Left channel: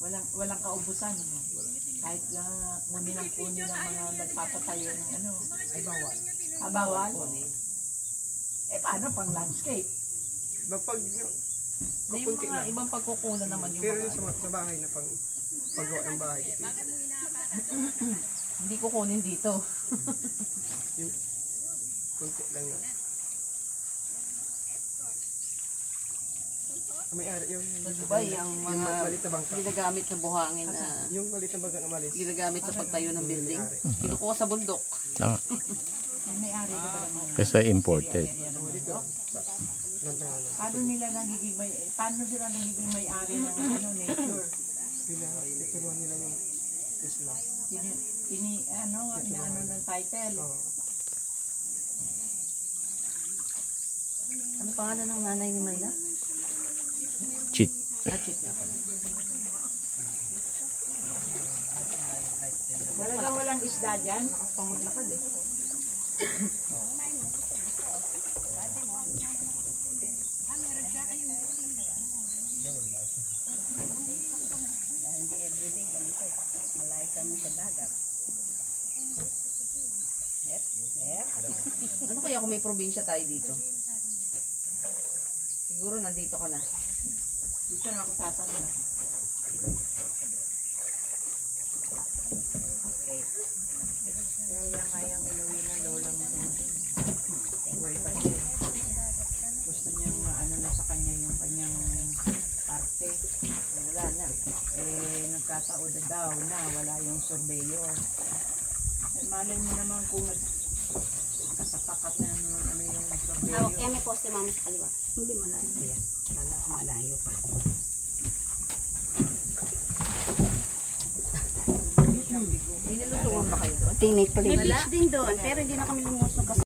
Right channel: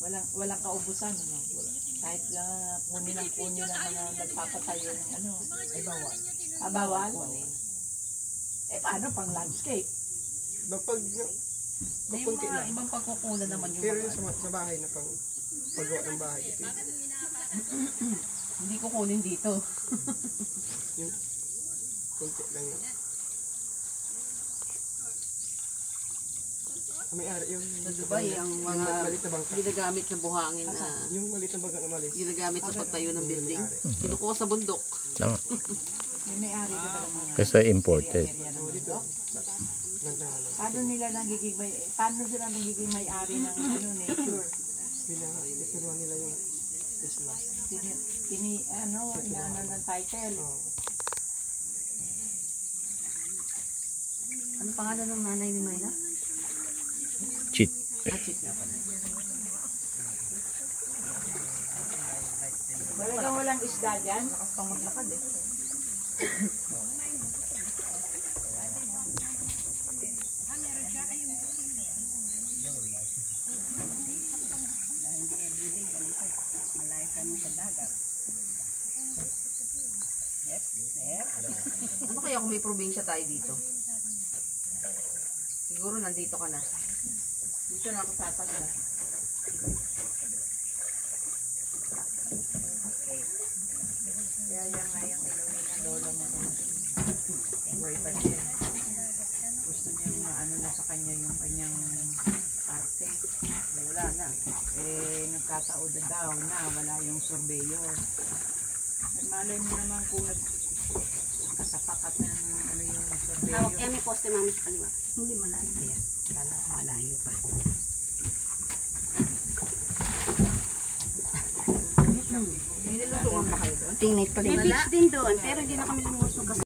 Walang kaubusan, no? Kahit lang kunin ng mga nagpapatayo ng ano. Ay, bawal. Bawal? Eh, paano pang landscape? Pag kapunti lang. Ibang pagkukunan naman yung pero sa bahay na pang paggawa ng bahay. Hindi ko kunin dito. Yung kunti lang yun. May-ari yung Dubai, ang mga malit na bangka. ginagamit sa buhangin na Yung malit na bangka na malis. ginagamit sa pagtayo ng building. Kinukuha sa bundok. Tama. May-ari ko ba naman? Kasi imported. Paano sila nagiging may-ari ng nature? Tinuruan nila yung isla. Inaano ng title. Ano pangalan ng nanay ni Mayla? Cheat. Cheat niya pala. Walang isda dyan. Pangunlakad eh. Ano kaya kung may probinsya tayo dito? Siguro nandito ka na. Dito na ako tatanda. Okay. Kaya yan nga yung inuwi ng lola mo. Buhay pa siya. Gusto niyang ano na sa kanya yung kanyang parte. Wala na. Nagkataod na daw na wala yung surveyor. Malay mo naman kung kasapakat na naman ano yung surveyor. Yan may poste namin sa kaliwa. Hindi malayo yan. Kala ko malayo pa. May nilutuan ba kayo doon? May beach din doon, pero hindi na kami lumusog kasi